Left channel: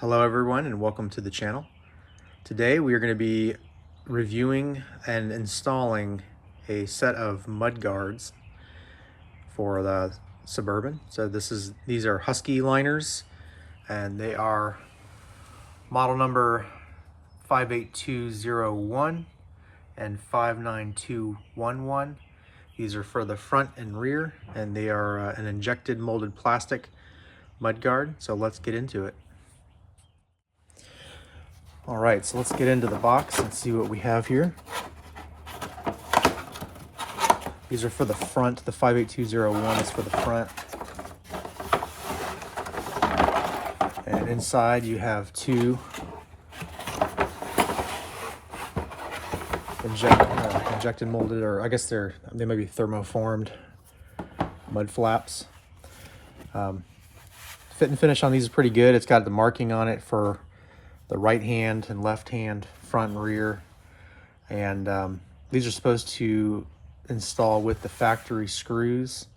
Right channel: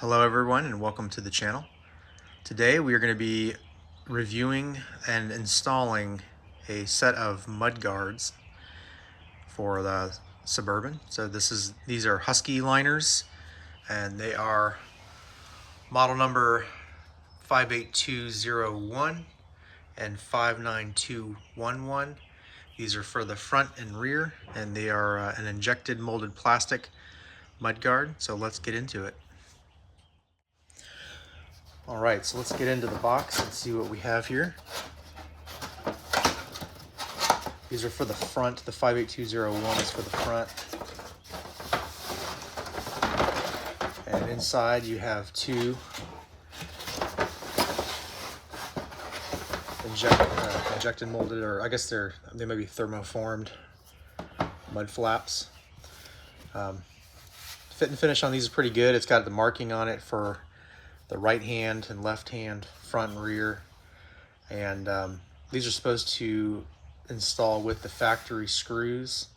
Hello everyone and welcome to the channel. Today we are going to be reviewing and installing a set of mud guards for the Suburban. So these are Husky liners and they are model number 58201 and 59211. These are for the front and rear and they are an injected molded plastic mud guard. So let's get into it. All right, so let's get into the box and see what we have here. These are for the front. The 58201 is for the front. And inside you have two injected molded, or I guess they may be thermoformed mud flaps. Fit and finish on these is pretty good. It's got the marking on it for the right hand and left hand, front and rear, and these are supposed to install with the factory screws.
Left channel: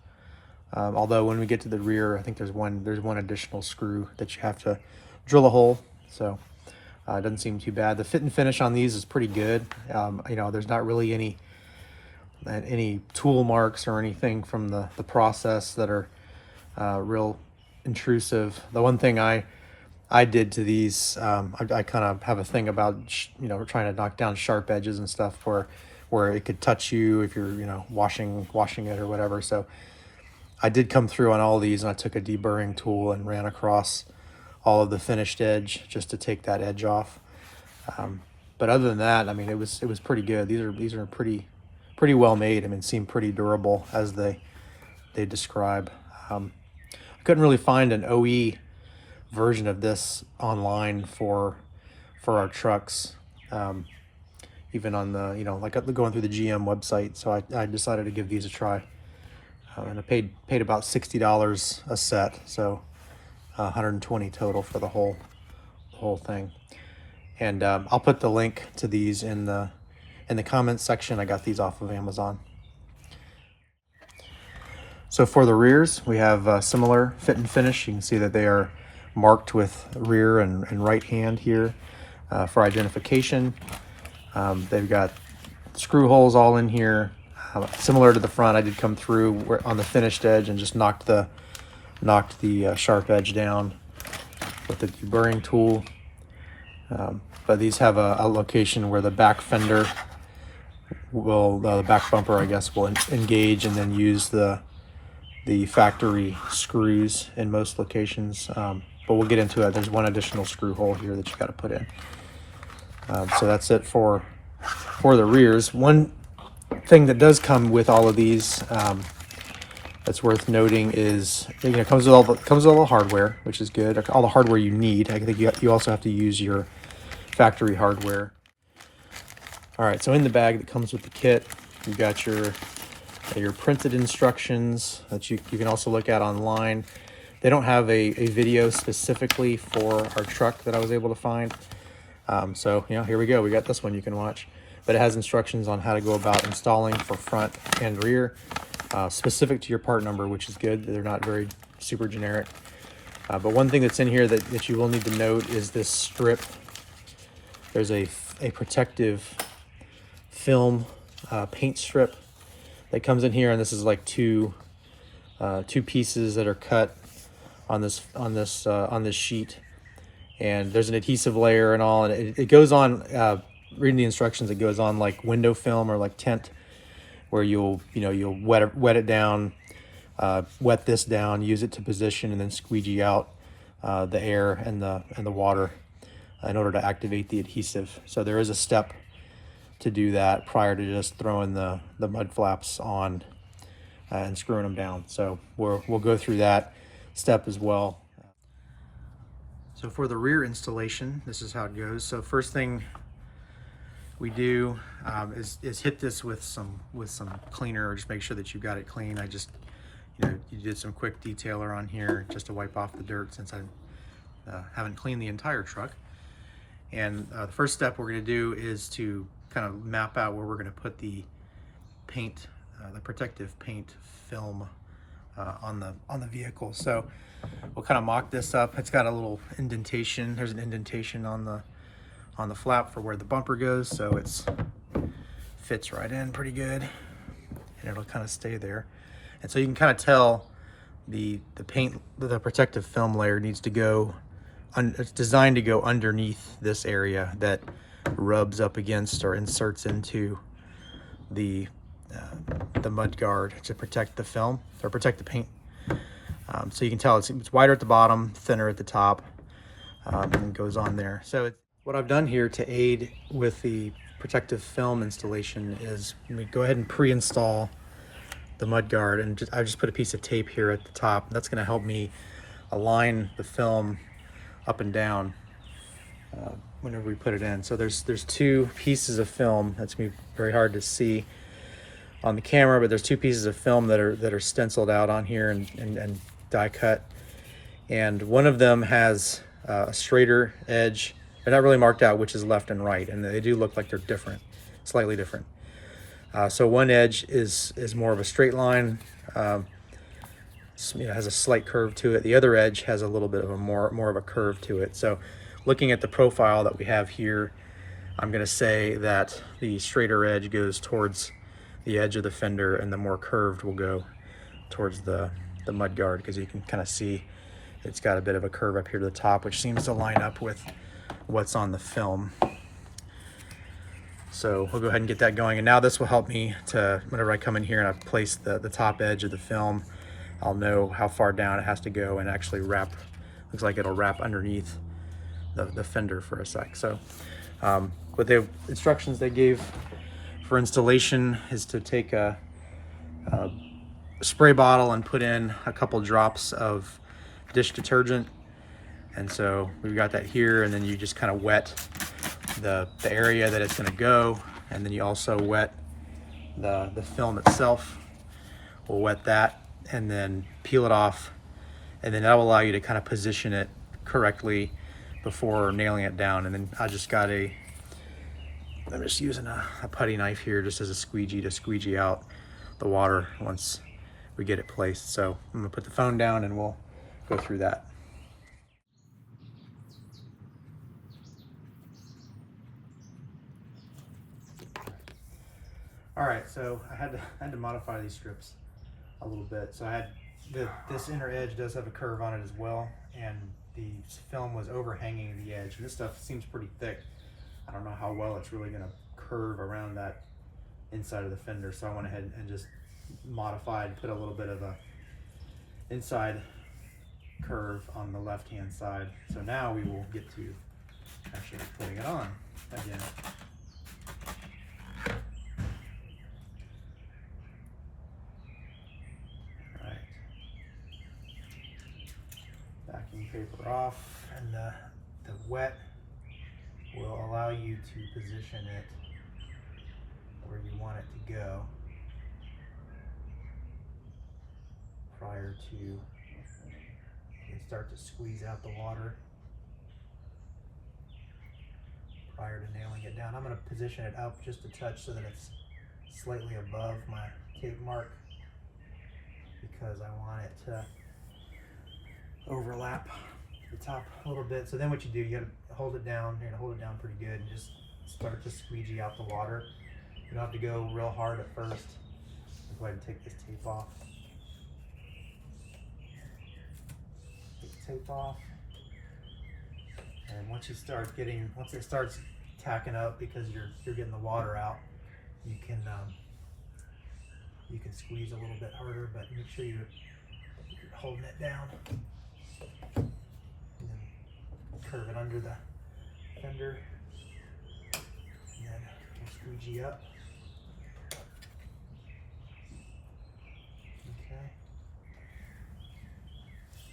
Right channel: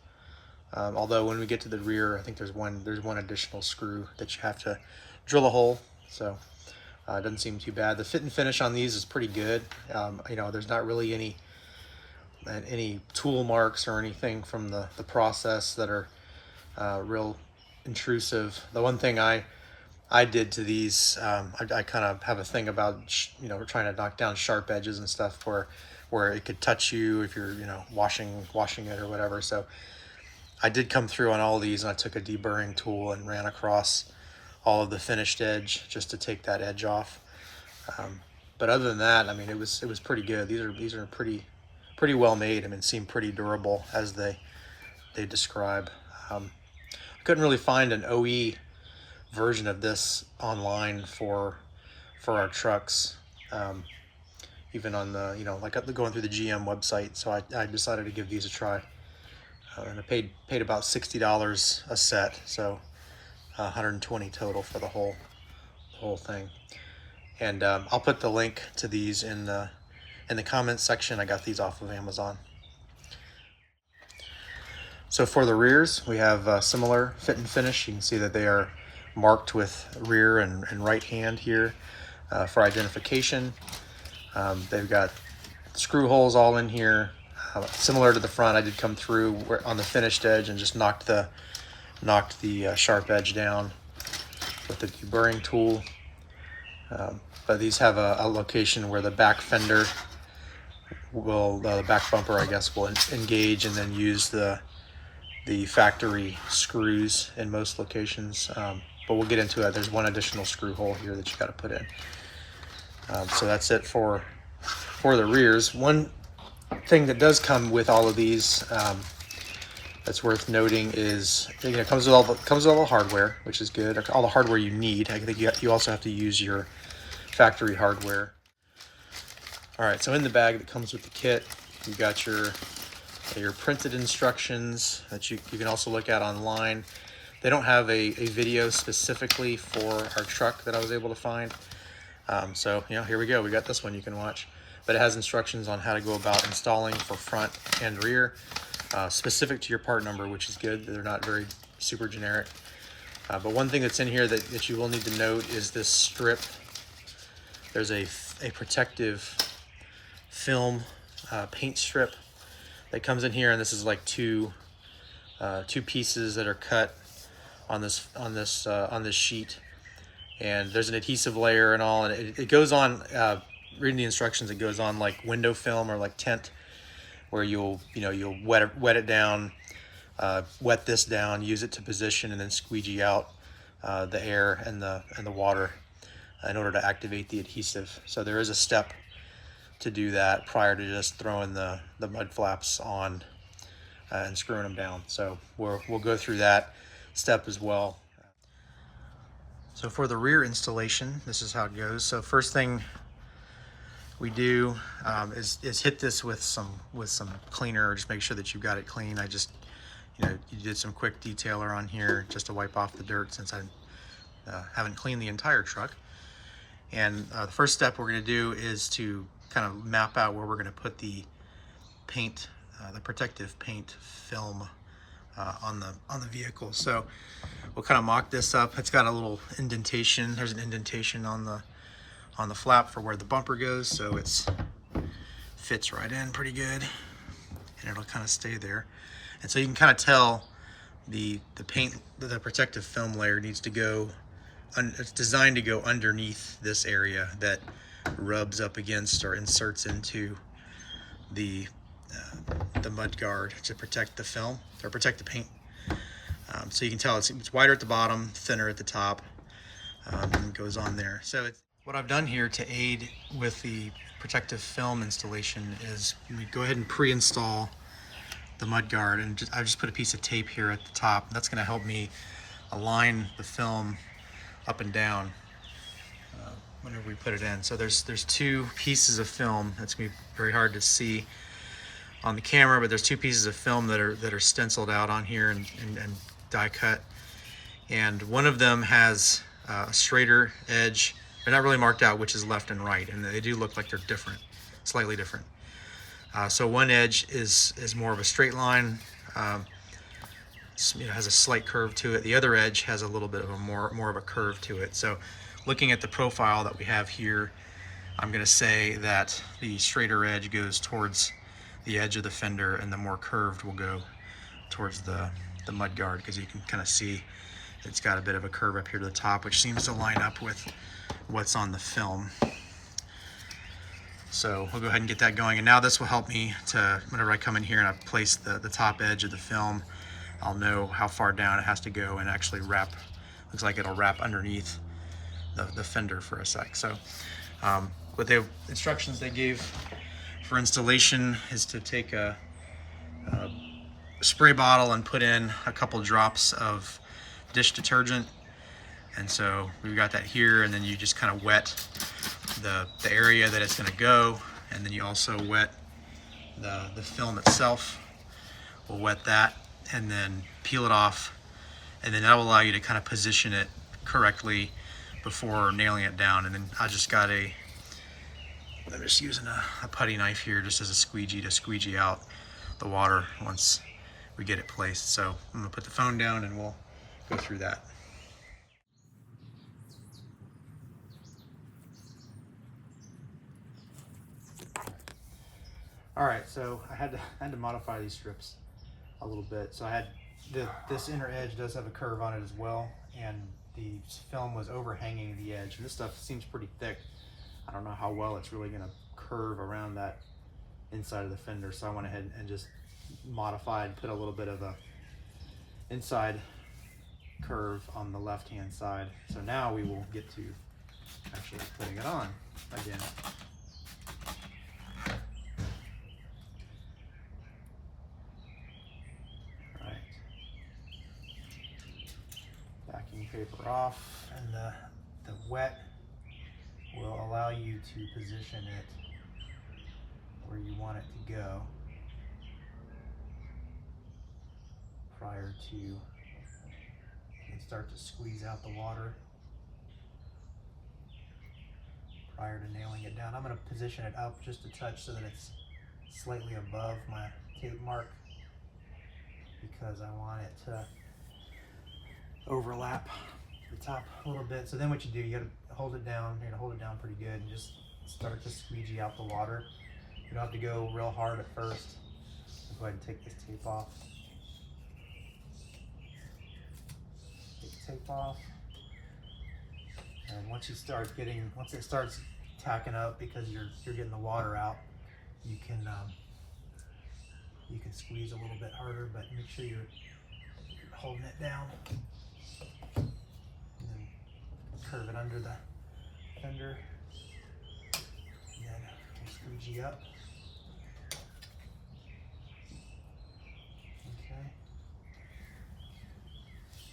Although when we get to the rear, I think there's one additional screw that you have to drill a hole. So it doesn't seem too bad. The fit and finish on these is pretty good. You know, there's not really any tool marks or anything from the process that are real intrusive. The one thing I did to these, I kind of have a thing about, you know, trying to knock down sharp edges and stuff where it could touch you if you're, you know, washing it or whatever. So I did come through on all these, and I took a deburring tool and ran across all of the finished edge just to take that edge off. But other than that, I mean, it was pretty good. These are pretty well made. I mean, seem pretty durable as they describe. I couldn't really find an OE version of this online for our trucks, even on the, you know, like going through the GM website. So I decided to give these a try, and I paid about $60 a set, so 120 total for the whole thing. And I'll put the link to these in the comments section. I got these off of Amazon. So for the rears, we have similar fit and finish. You can see that they are marked with rear and right hand here for identification. They've got screw holes all in here. Similar to the front, I did come through on the finished edge and just knocked the sharp edge down with the deburring tool. But these have a location where the back fender will, the back bumper, I guess, will engage and then use the factory screws in most locations. But we'll get into it. There's one additional screw hole here that you got to put in. So that's it for the rears. One thing that does come with all of these that's worth noting is, you know, it comes with all the hardware, which is good. All the hardware you need. I think you also have to use your factory hardware. All right, so in the bag that comes with the kit, you got your printed instructions that you can also look at online. They don't have a video specifically for our truck that I was able to find. So, you know, here we go. We got this one you can watch. But it has instructions on how to go about installing for front and rear, specific to your part number, which is good. They're not very super generic. But one thing that's in here that you will need to note is this strip. There's a protective film paint strip that comes in here, and this is like two pieces that are cut on this sheet, and there's an adhesive layer and all, and it goes on. Reading the instructions, it goes on like window film or like tent, where you'll wet it down, wet this down, use it to position, and then squeegee out the air and the water in order to activate the adhesive. So there is a step to do that prior to just throwing the mud flaps on and screwing them down. So we'll go through that step as well. So for the rear installation, this is how it goes. So first thing we do is hit this with some cleaner, or just make sure that you've got it clean. I just, you did some quick detailer on here just to wipe off the dirt, since I haven't cleaned the entire truck. And the first step we're going to do is to kind of map out where we're going to put the paint, the protective paint film on the vehicle. So we'll kind of mock this up. It's got a little indentation. There's an indentation on the flap for where the bumper goes, so it's fits right in pretty good, and it'll kind of stay there. And so you can kind of tell the paint, the protective film layer needs to go. It's designed to go underneath this area that rubs up against or inserts into the mud guard to protect the film or protect the paint. So you can tell it's wider at the bottom, thinner at the top, and goes on there. So what I've done here to aid with the protective film installation is go ahead and pre-install the mud guard, and I just put a piece of tape here at the top. That's going to help me align the film up and down whenever we put it in. So there's two pieces of film. That's going to be very hard to see on the camera, but there's two pieces of film that are stenciled out on here and die cut. And one of them has a straighter edge. They're not really marked out which is left and right, and they do look like they're different, slightly different. So one edge is more of a straight line, has a slight curve to it. The other edge has a little bit of a more of a curve to it. So looking at the profile that we have here, I'm going to say that the straighter edge goes towards the edge of the fender, and the more curved will go towards the mud guard, because you can kind of see it's got a bit of a curve up here to the top, which seems to line up with what's on the film. So we'll go ahead and get that going, and now this will help me to, whenever I come in here and I place the top edge of the film, I'll know how far down it has to go and actually wrap. Looks like it'll wrap underneath the fender for a sec. So what the instructions they gave for installation is to take a spray bottle and put in a couple drops of dish detergent. And so we've got that here, and then you just kind of wet the area that it's going to go, and then you also wet the film itself. We'll wet that and then peel it off, and then that will allow you to kind of position it correctly before nailing it down. And then I just got I'm just using a putty knife here just as a squeegee to squeegee out the water once we get it placed. So I'm gonna put the phone down and we'll go through that. All right, so I had to modify these strips a little bit. So I had this inner edge does have a curve on it as well, and the film was overhanging the edge, and this stuff seems pretty thick. I don't know how well it's really going to curve around that inside of the fender, so I went ahead and just modified, put a little bit of a inside curve on the left hand side. So now we will get to actually putting it on again. Backing paper off, and the wet will allow you to position it where you want it to go prior to, you can start to squeeze out the water prior to nailing it down. I'm going to position it up just a touch so that it's slightly above my tape mark, because I want it to overlap the top a little bit. So then what you do, you gotta hold it down. You're gonna hold it down pretty good and just start to squeegee out the water. You don't have to go real hard at first. I'll go ahead and take this tape off. Take the tape off. And once it starts tacking up, because you're getting the water out, you can squeeze a little bit harder, but make sure you're holding it down. And then curve it under the fender, and then we'll squeegee up. Okay.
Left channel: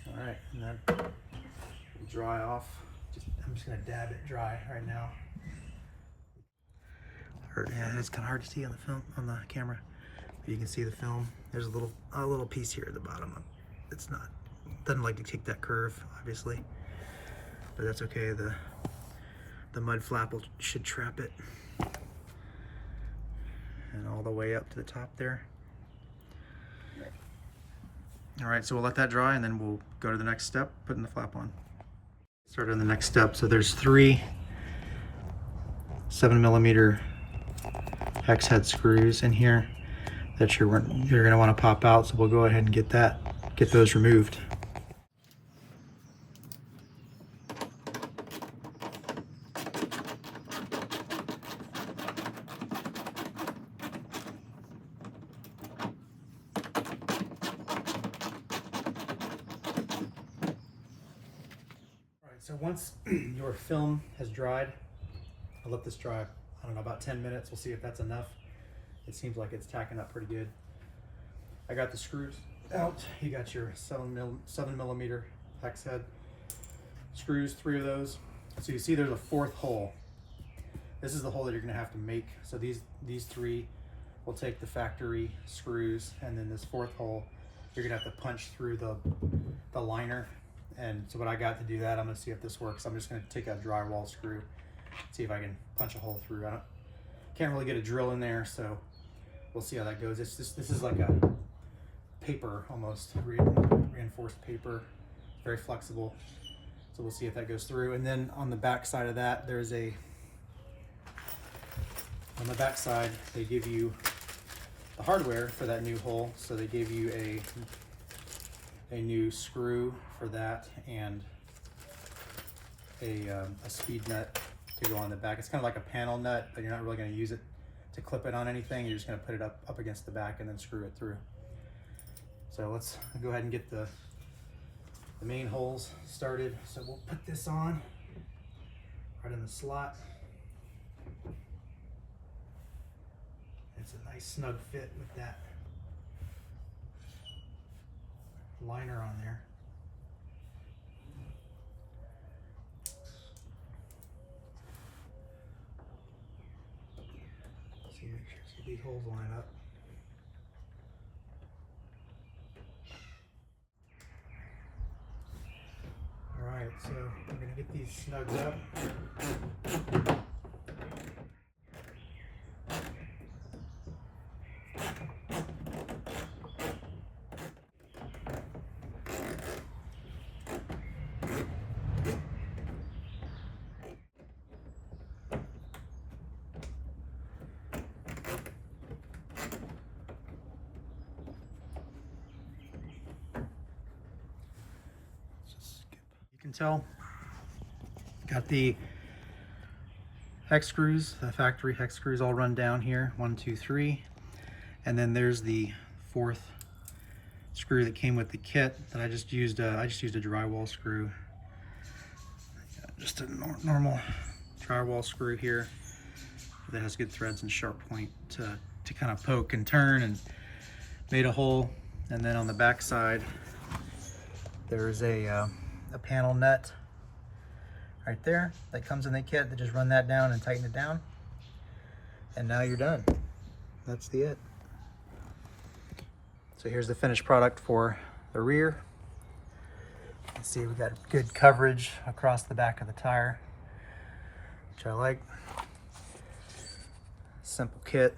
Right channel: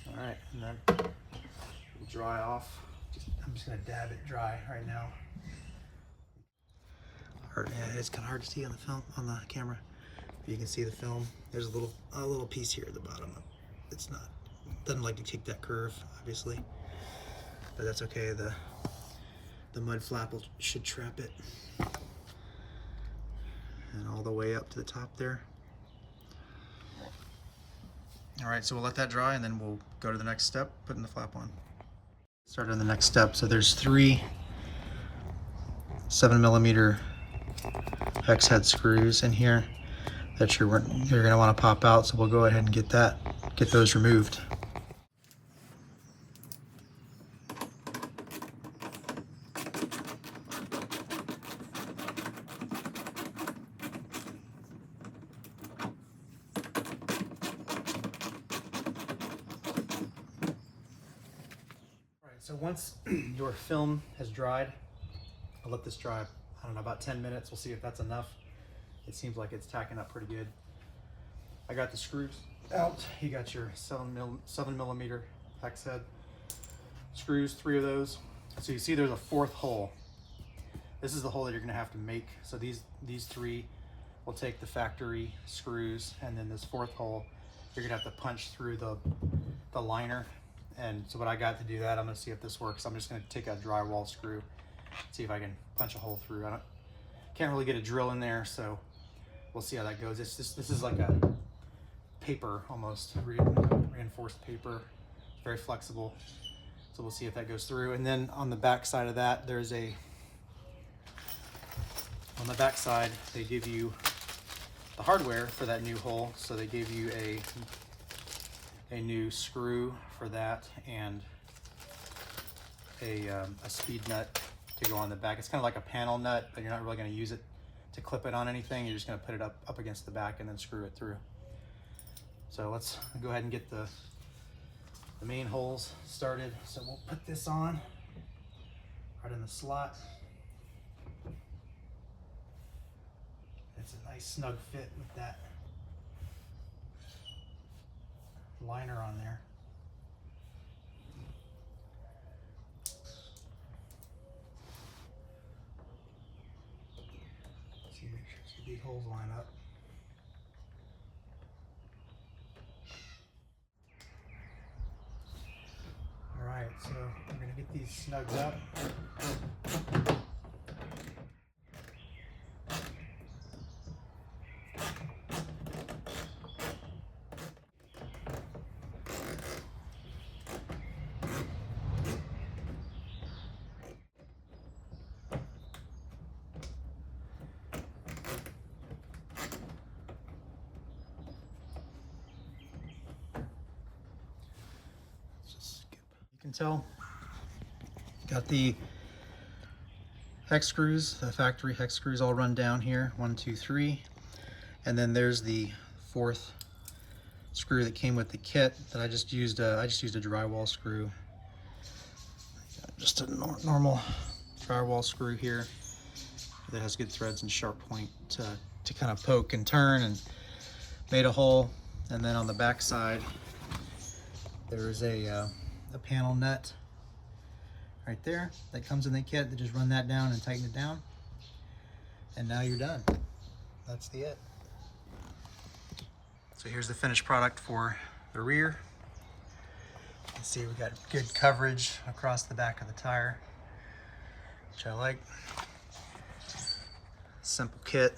All right, and then we'll dry off. I'm just gonna dab it dry right now. Yeah, it's kind of hard to see on the film, on the camera. You can see the film. There's a little piece here at the bottom. Doesn't like to take that curve, obviously, but that's okay. The mud flap should trap it, and all the way up to the top there. All right, so we'll let that dry and then we'll go to the next step, putting the flap on. Start on the next step. So there's 3 7mm hex head screws in here that you're gonna want to pop out. So we'll go ahead and get those removed. So once your film has dried, I'll let this dry, I don't know, about 10 minutes. We'll see if that's enough. It seems like it's tacking up pretty good. I got the screws out. You got your 7mm hex head screws, 3 of those. So you see there's a 4th hole. This is the hole that you're gonna have to make. So these 3 will take the factory screws, and then this 4th hole, you're gonna have to punch through the liner. And so what I got to do that, I'm gonna see if this works. I'm just gonna take a drywall screw, see if I can punch a hole through. Can't really get a drill in there, so we'll see how that goes. This is like a paper, almost reinforced paper, very flexible. So we'll see if that goes through. And then on the back side of that, on the back side, they give you the hardware for that new hole. So they give you a new screw for that and a speed nut to go on the back. It's kind of like a panel nut, but you're not really going to use it to clip it on anything. You're just going to put it up against the back and then screw it through. So let's go ahead and get the main holes started. So we'll put this on right in the slot. It's a nice snug fit with that liner on there. See these holes line up. All right, so we're gonna get these snugged up. You can tell, got the hex screws, the factory hex screws all run down here, 1, 2, 3, and then there's the 4th screw that came with the kit that I just used a drywall screw, just a normal drywall screw here that has good threads and sharp point to kind of poke and turn, and made a hole. And then on the back side there's a panel nut right there that comes in the kit. They just run that down and tighten it down, and now you're done. That's it. So here's the finished product for the rear. You can see we got good coverage across the back of the tire, which I like. Simple kit,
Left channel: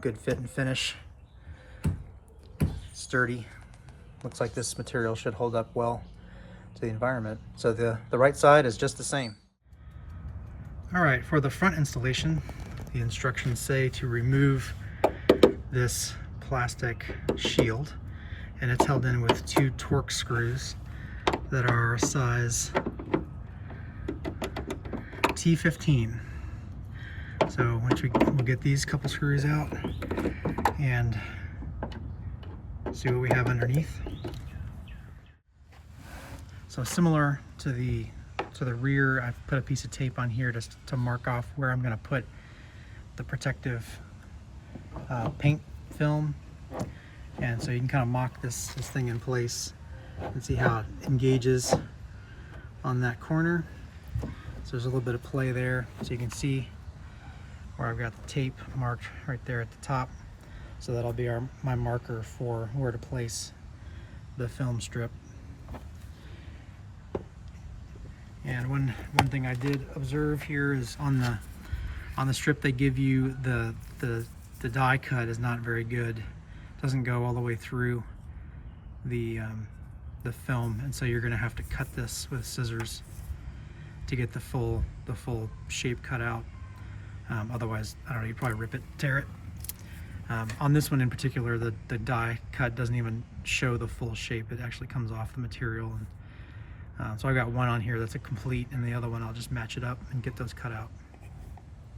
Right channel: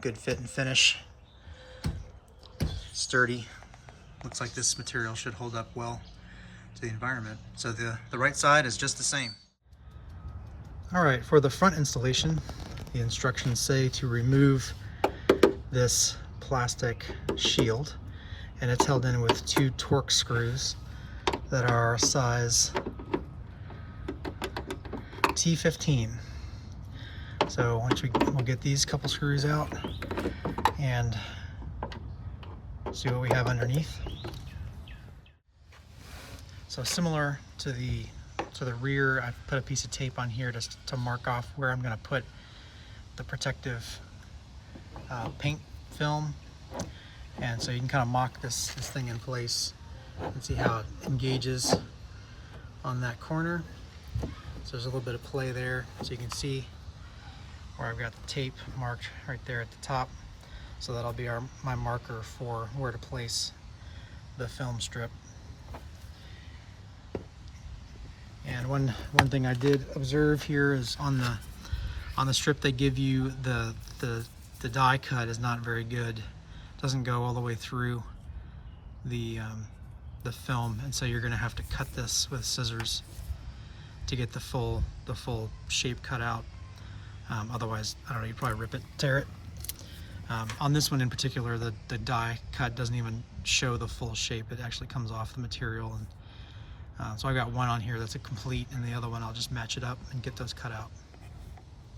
good fit and finish, sturdy. Looks like this material should hold up well to the environment. So the right side is just the same. All right, for the front installation, the instructions say to remove this plastic shield, and it's held in with 2 Torx screws that are size T15. So we'll get these couple screws out and see what we have underneath. So similar to the rear, I've put a piece of tape on here just to mark off where I'm going to put the protective paint film, and so you can kind of mock this thing in place and see how it engages on that corner. So there's a little bit of play there, so you can see where I've got the tape marked right there at the top. So that'll be my marker for where to place the film strip. And one thing I did observe here is on the strip they give you, the die cut is not very good. It doesn't go all the way through the film, and so you're going to have to cut this with scissors to get the full shape cut out. Otherwise, I don't know, you'd probably rip it, tear it. On this one in particular, the die cut doesn't even show the full shape. It actually comes off the material, and so I've got one on here that's a complete, and the other one I'll just match it up and get those cut out.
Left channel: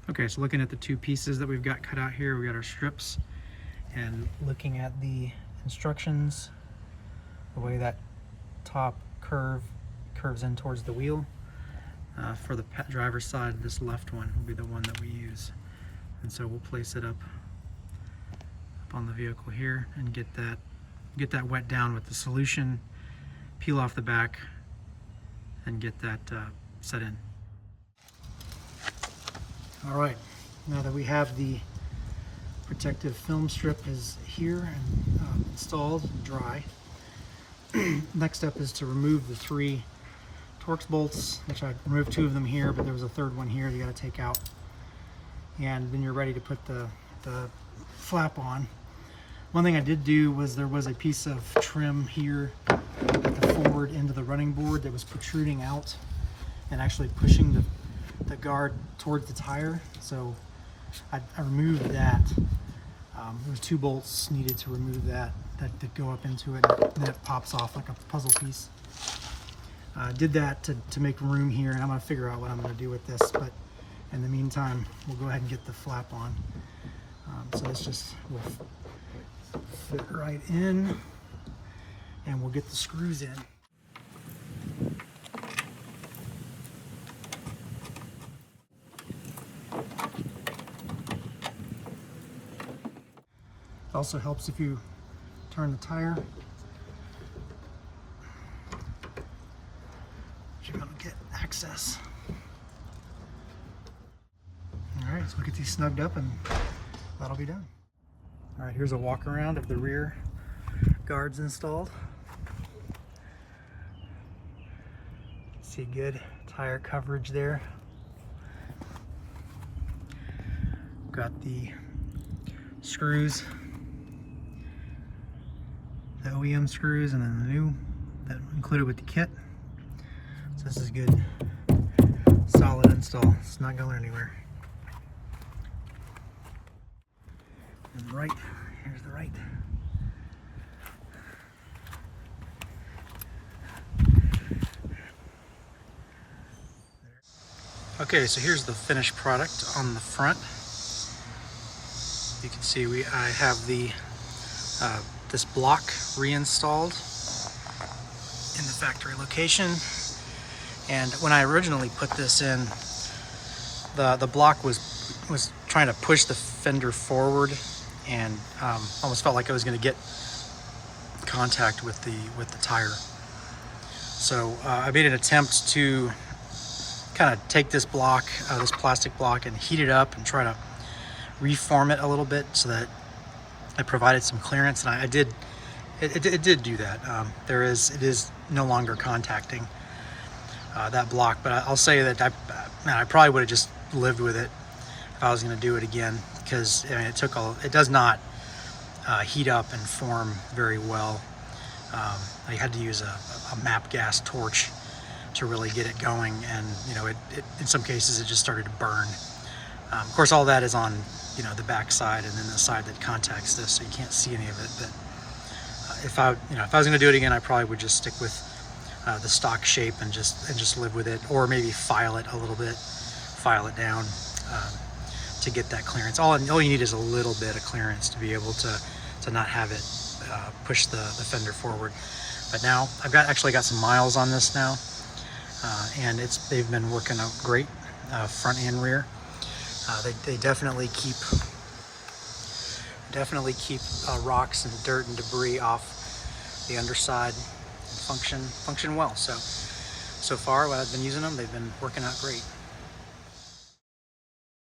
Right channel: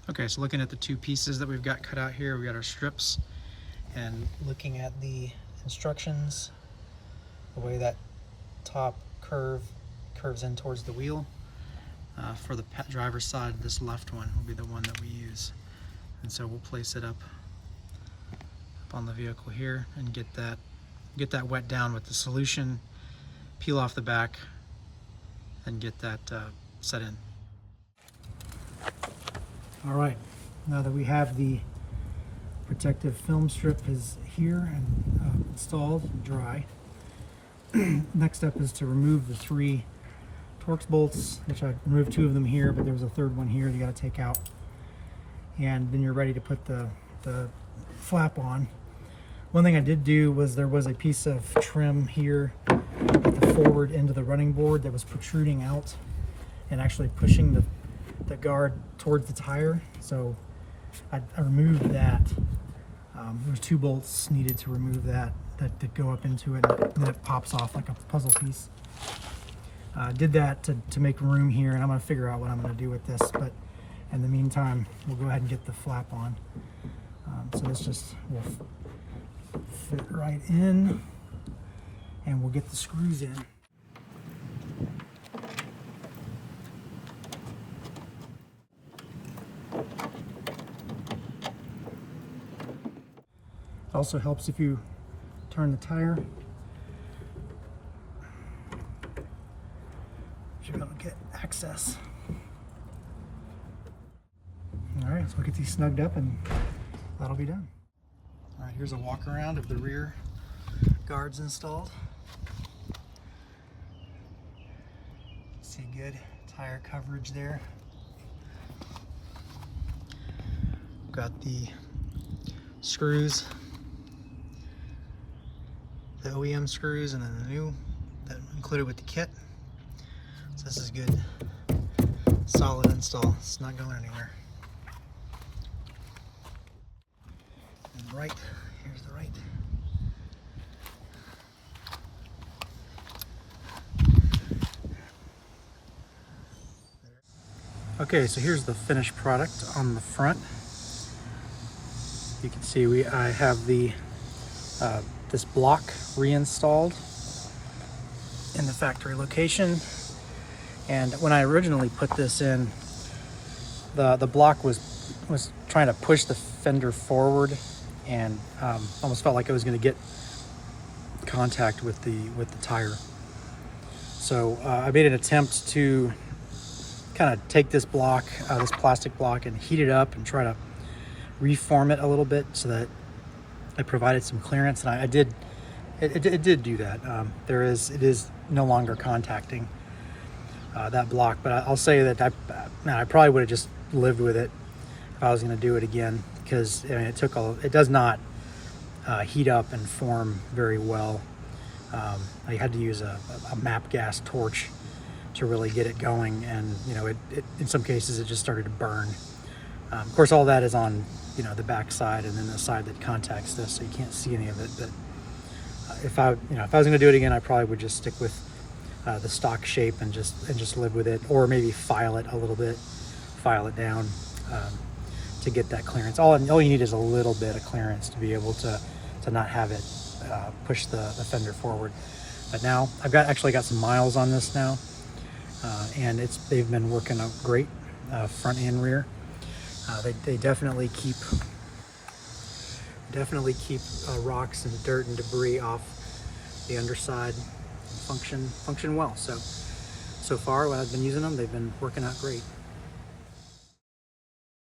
Okay, so looking at the two pieces that we've got cut out here, we got our strips, and looking at the instructions, the way that top curves in towards the wheel. For the driver's side, this left one will be the one that we use, and so we'll place it up on the vehicle here and get that wet down with the solution, peel off the back, and get that set in. All right, now that we have the protective film strip is here and installed and dry, next step is to remove the 3 Torx bolts, which I removed 2 of them here, but there was a 3rd one here you got to take out, and then you're ready to put the flap on. One thing I did do was there was a piece of trim here at the forward end of the running board that was protruding out and actually pushing the guard towards the tire, so I removed that. There was 2 bolts needed to remove that go up into it, and then it pops off like a puzzle piece. Did that to make room here, and I'm going to figure out what I'm going to do with this, but in the meantime we'll go ahead and get the flap on. So this just will fit right in, and we'll get the screws in. It also helps if you turn the tire. You're going to get access. All right, so we'll get these snugged up and that'll be done. All right, here's a walk around of the rear guards installed. See good tire coverage there. Got the screws, the OEM screws, and then the new that included with the kit. So this is good, solid install. It's not going anywhere. And right, here's the right. Okay, so here's the finished product on the front. You can see I have the this block reinstalled in the factory location. And when I originally put this in, the block was trying to push the fender forward, and almost felt like I was going to get contact with the tire. So I made an attempt to kind of take this block, this plastic block, and heat it up and try to reform it a little bit so that it provided some clearance, and I did. It did do that. It is no longer contacting that block, but I'll say that I probably would have just lived with it if I was going to do it again, because I mean, it does not heat up and form very well. I had to use a MAP gas torch to really get it going, and you know, it in some cases it just started to burn. Of course, all that is on the back side, and then the side that contacts this, so you can't see any of it. But if I was going to do it again, I probably would just stick with the stock shape and just live with it, or maybe file it a little bit, file it down to get that clearance. All you need is a little bit of clearance to be able to not have it push the fender forward. But now I've actually got some miles on this now, and they've been working out great, front and rear. They definitely keep rocks and dirt and debris off the underside and function well. So far when I've been using them, they've been working out great.